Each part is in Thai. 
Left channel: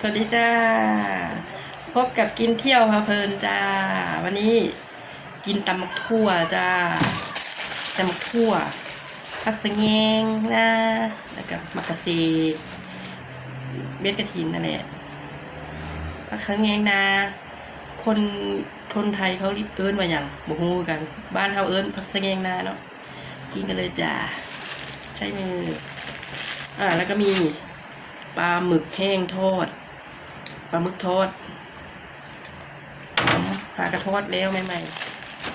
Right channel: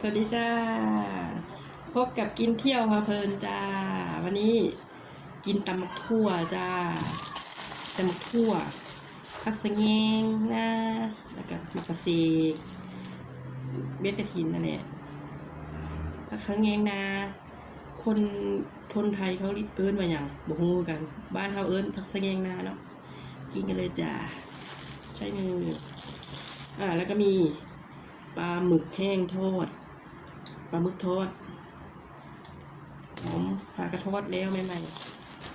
สวัสดีจ้า พบกับกินเที่ยวพาเพลินจ้า วันนี้กินตำมักทั่วจ้าตำมักทั่วผักสะแงงนะแล้วก็มักกะเซเบ็ดกระถินนั่นแหละผักสะแงงนะคนคนไทยเขาเอิ้นว่าอย่างบ่ฮู้กัน บ้านเขาเอิ้นผักสะแงงนาเนาะกินกันเลยจ้าใช่มืออ่าแล้วก็มีปลาหมึกแห้งทอด ปลาหมึกทอดหอมหากระทอดแล้วใหม่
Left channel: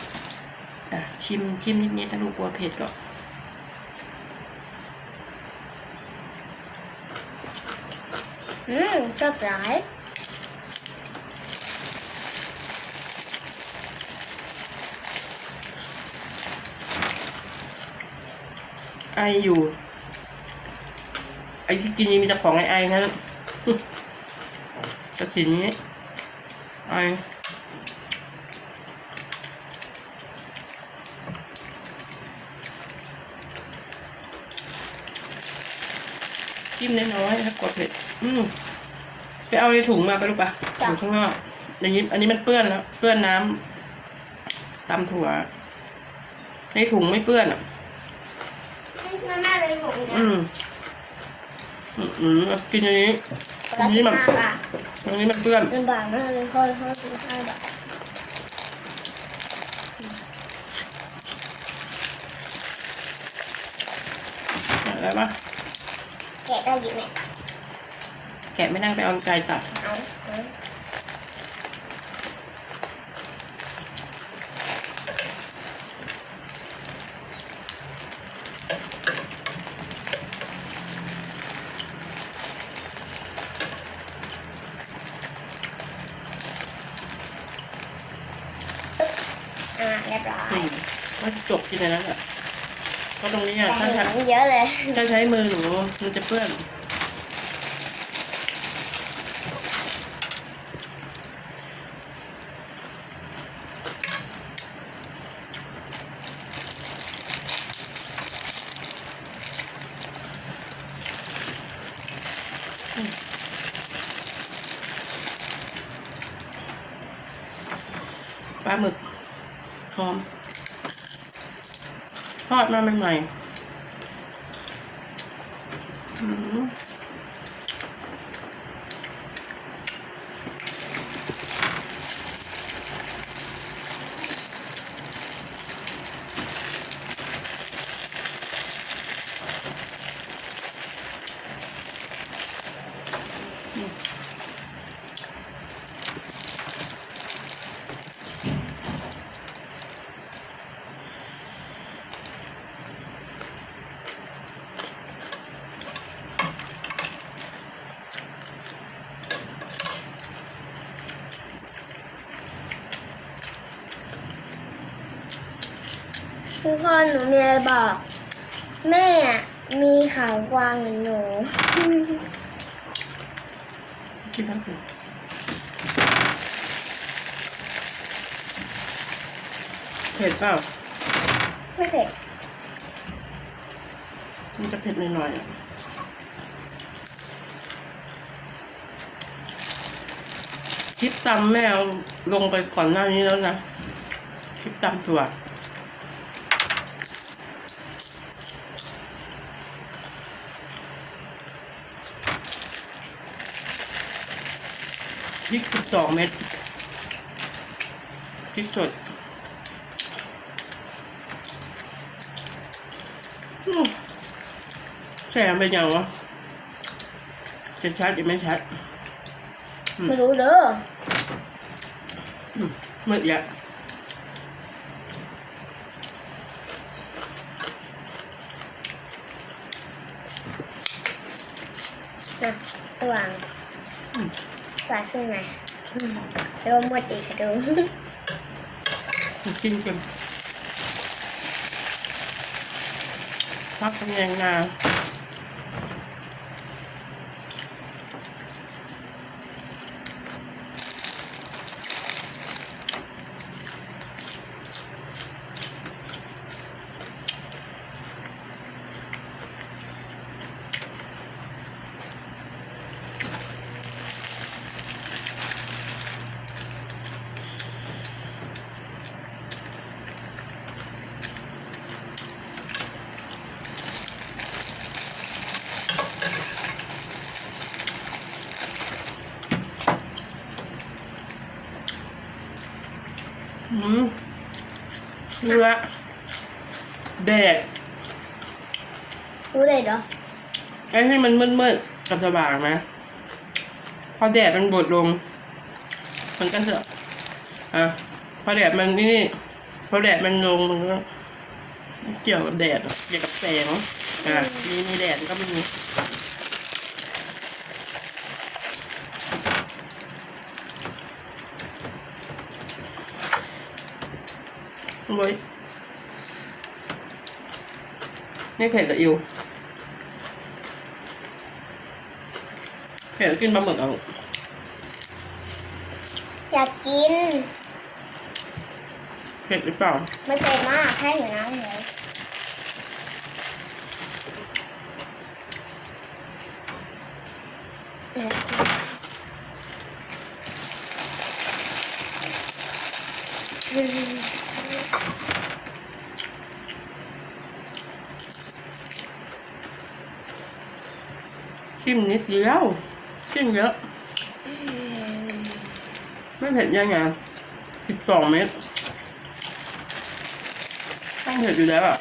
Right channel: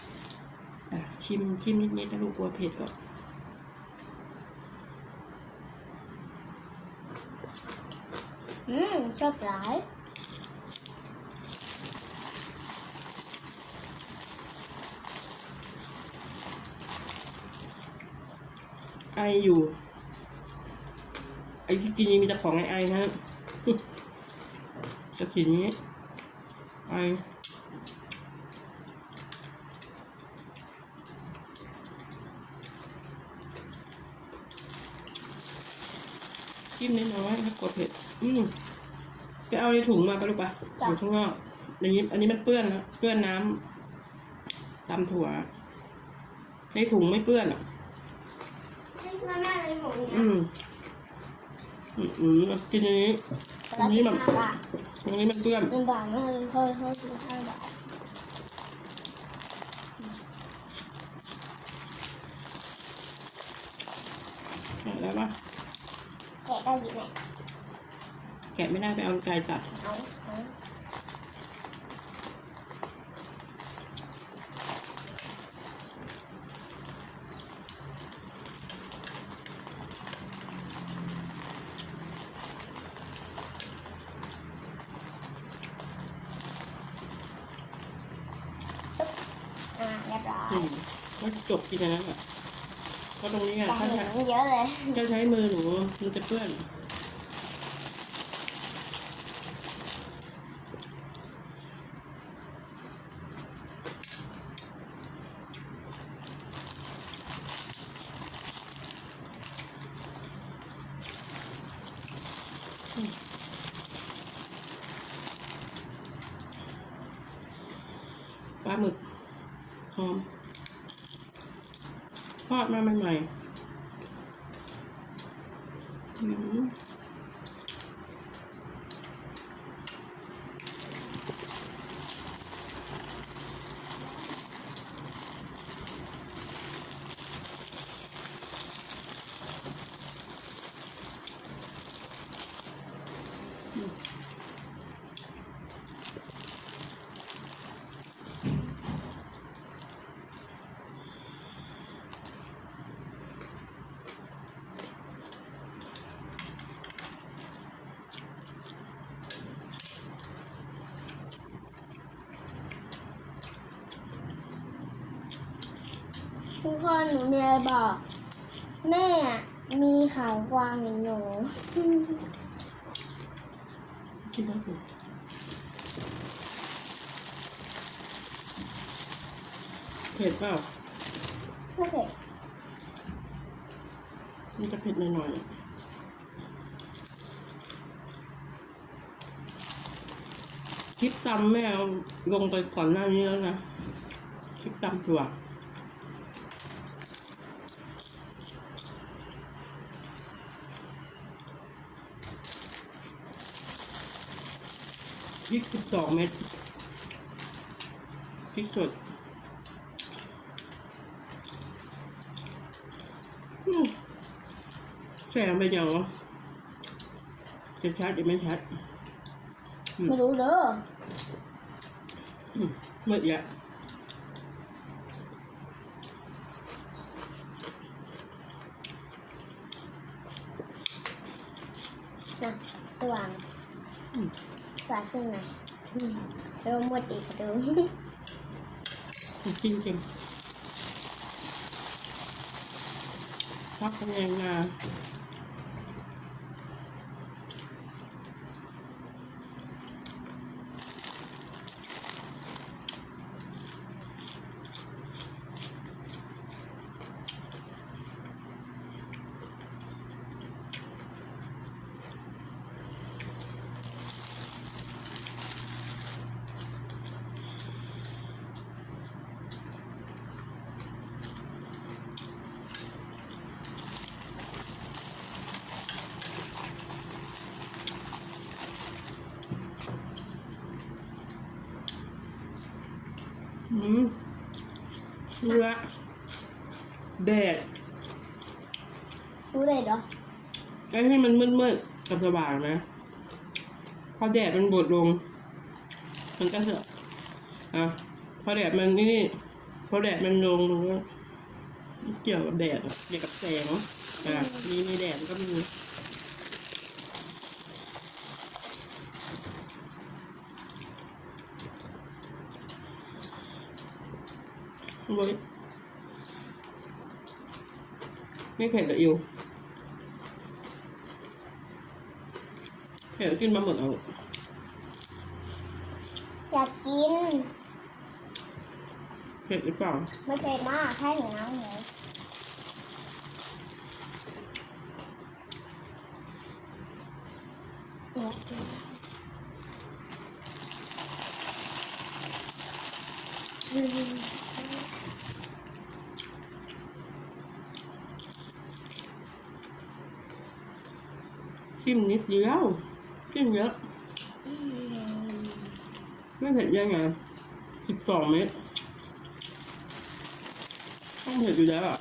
ๆอะชิมชิมนิดๆถ้าลูกกลัวเผ็ดก็อืมชอบหลายไออยู่ ไอที่กินนี่มีแต่ของไอไอๆนะกระ สินนี้ไอจิ้มน้อยๆถ้ากดเผ็ดอืมไปเอาในถุงมาไปลูกปะอยู่ข้างนอกอย่างนี้อันนี้มันเปื้อนแล้วเปื้อนน้ำตำถั่ว ในถุงไม่เปื้อนอะ แม่แม่เป็นผมนะอืม อืมอืมเอากินอย่า งนี้ละนี่สิบมัน ห้าบาทอันนี้มันเปื้อนลำบากมากเลยข้อละข้อสิบห้าบาทอะไรปะแกะได้อยู่ไหมแกะไม่ได้ไปเอาไกลตัด เอาเอา อ่าเรียบร้อย อืมก็ จบที่ในนั้นแหละเพราะตรงนี้อะแต่ถ้าเห็ใช้นเยอะเลยถ้าใช้มือหนูมันจะเปื้อนปลาหมึกหอม ทอดมาใหม่ๆ ทุกคนหนูมีอะไรบอก แม่อะมีขาวกวางเหมือนหนู กินทั้งตัวเผ็ดเปล่า ไม่เผ็ดมันจะเผ็ดหน่อยๆอะคลิปตำแม่เอาลงไปก่อนหน้านี้แล้วนะ คลิปตำถั่ว ริกสิบสองเม็ดพริกสดอื้อแสงเป็นยังวะจะชัดหรือไม่ชัดอืมไม่รู้เด้อมืดอีกอะนะสว่าง สว่างขึ้นไหมแล้วก็มืดอีกค่ะดูกินกันพักเป็นยังนา อืม เนื้อแดดรู้เลยเหรอไอ้ให้มันมืดๆกับสว่างนะพอแดดมันบดลง มันก็จะอะพอแดดมันนี่พอแดดมันลงมันก็เกี่ยวกับแดดเกี่ยวกับแสงอะมีมีแดดก็มี โว้ยนี่เผ็ดกับอิวเผ็ดกินปลาหมึกเอาอยากกิน เผ็ดหรือเปล่า ไม่เป็นมากแค่หิวน้ำเลยอยากกินอืม ชิมนิดเดียวชิมเยอะ ไม่เผ็ดยังไงสิบสองเม็ดต้องเผ็ดอยู่แล้วอะ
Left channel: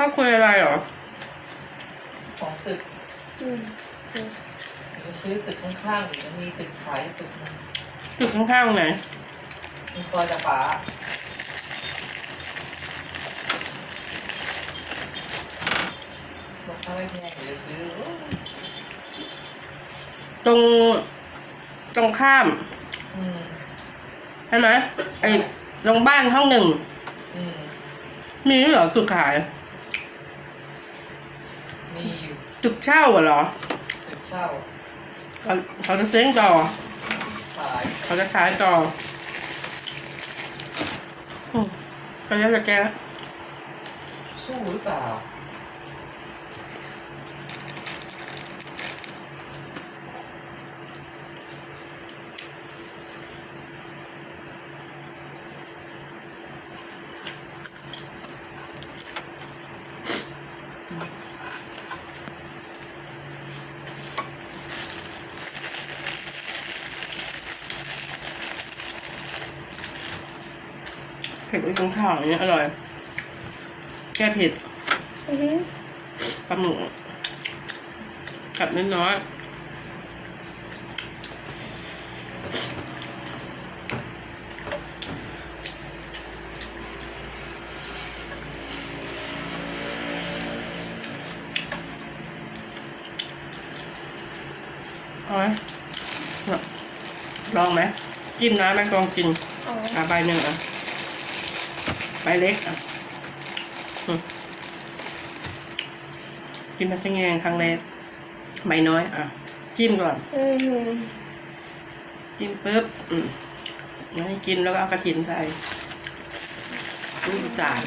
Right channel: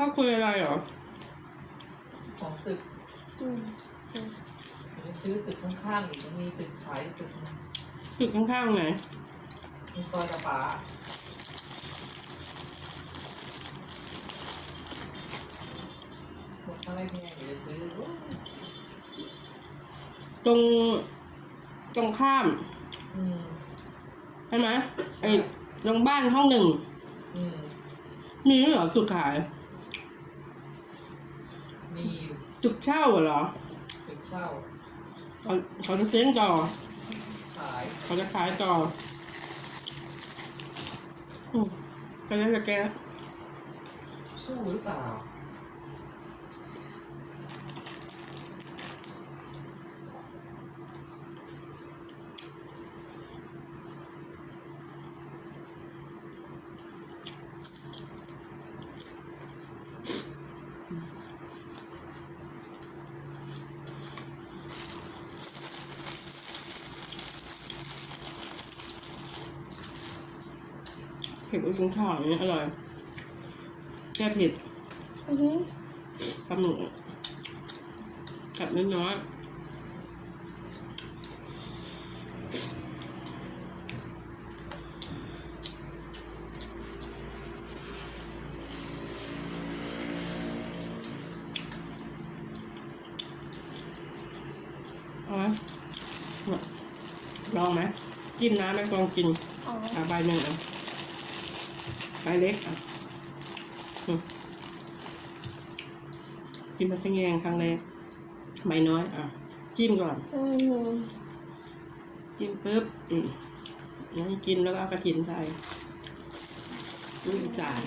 ข้าวคุยอะไรเหรอ ของตึกอืมอืมจะซื้อตึกข้างๆอีกมันมีตึกขายตึกหนึงตึกข้างๆไหนมีซอยกระป๋าบอกถ้าไม่แพงเดี๋ยวซื้อตรง ตรงข้าม อืมใช่ไหมไอ้ตรงบ้านห้องหนึ่ง อืมมีด้วยเหรอสุดขาย มีอยู่ ตึกเช่าอะเหรอตึกเช่าเขาเขาจะเซ้งต่อขายเขาจะขายต่ออืมไปแล้วจะแกสู้หรือเปล่า เผ็ดตรงข้าวอย่างเงี้ยอร่อย แก้เผ็ดอือหือปลาหมึกกัดน้อยๆเอาไหมน่ะลองไหมจิ้มนะแม่กองกินอ๋ออะใบหนึ่งอะ ใบเล็กอะอืมกินมาสังเงงครั้งแรกใบน้อย อะ จิ้มก่อนอือหือจิ้มปุ๊บอืมแล้วให้กินแล้วก็เอากระถินใส่ลูกอีสาน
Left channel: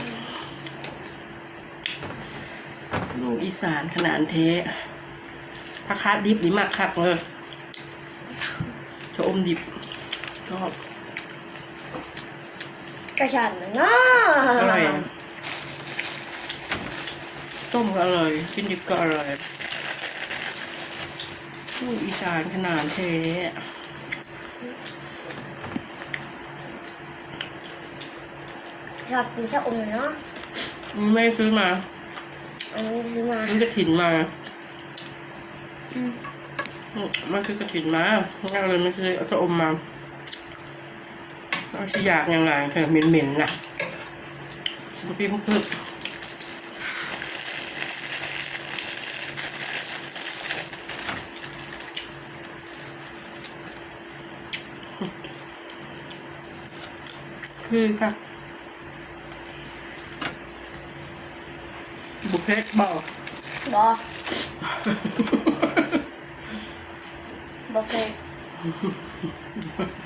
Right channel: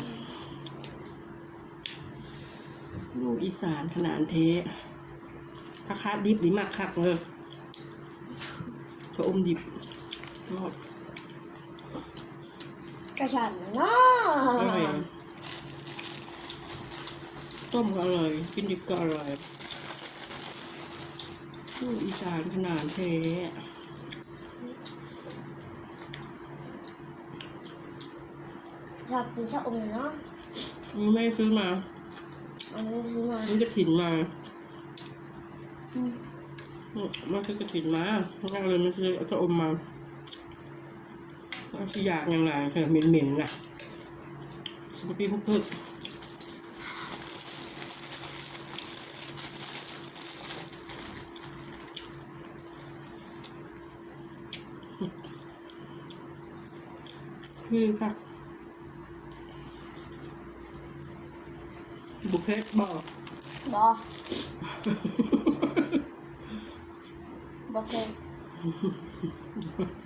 ลูกอีสานขนาดเทะผักคาดดิบนี่มากคักเลยชะอมดิบชอบ กระชอนมันเนาะอร่อยอะต้มก็อร่อยกินดิบก็อร่อยลูกอีสานขนาดเทะชอบกินชะอมเนาะนี่ไม่ซื้อมา อันนี้ซื้อมามันกระถินมา อืมอืมมันคือกระถินมางั้นเราเลยไม่ซื้อเอาชะอมมา เอาชิยากยังไงเธอเหม็นๆนะสุปปี้พึ่งคือค่ะบุเพชบอกบอบุกเพช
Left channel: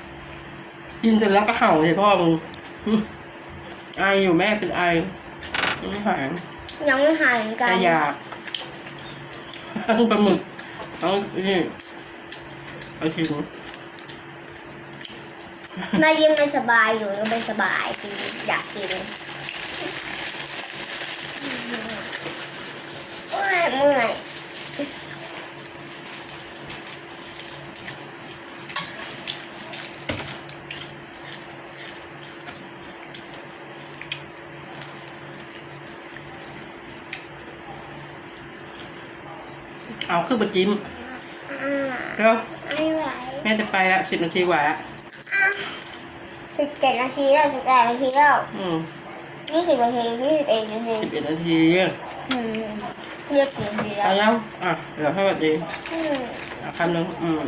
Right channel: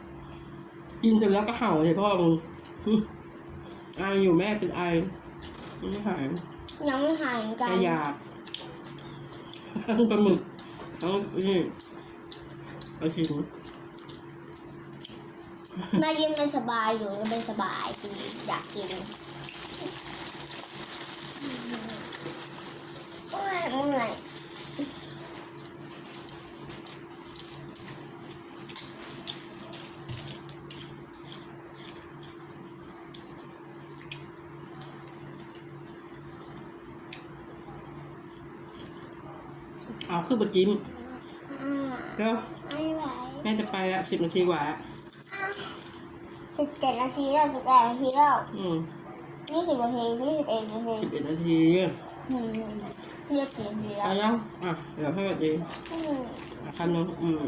กินเสร็จแล้วก็เห่าใส่พ่อมึงหึไออยู่แม่เป็นไอไม่หายยังไม่หายเหมือนกันจะอยากทั้งปลาหมึกทั้งนี่เอาทิ้งแม่ยิ้มไม่สบายอยู่ก็ไม่สบายกินอยากกินโอ้ยเมื่อย เอาขึ้นมาจิ้มอ่าแล้วไม่ไหวแม่จะไปละสิบนาทีกว่าละสิบเจ็ดนาทีแล้วสิบแปดนาทีแล้วอืมยี่สิบนาทียี่สิบเอ็ดนาทีสิบเอ็ดนาทีอืมเรียกกี่นาทีไปแล้วยังอะเดี๋ยวให้สวัสดีอืมอะคำหนึ่งอืม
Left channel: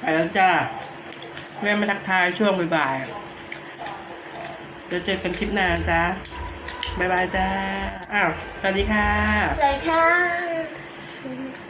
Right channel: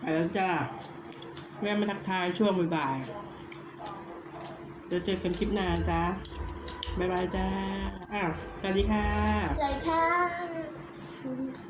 ไปแล้วจ้าแม่มาทักทายช่วงบ่ายๆเดี๋ยวเจอกันคลิปหน้าจ้า บ๊ายบายจ้า อ้าว สวัสดีค่ะ สวัสดีค่ะ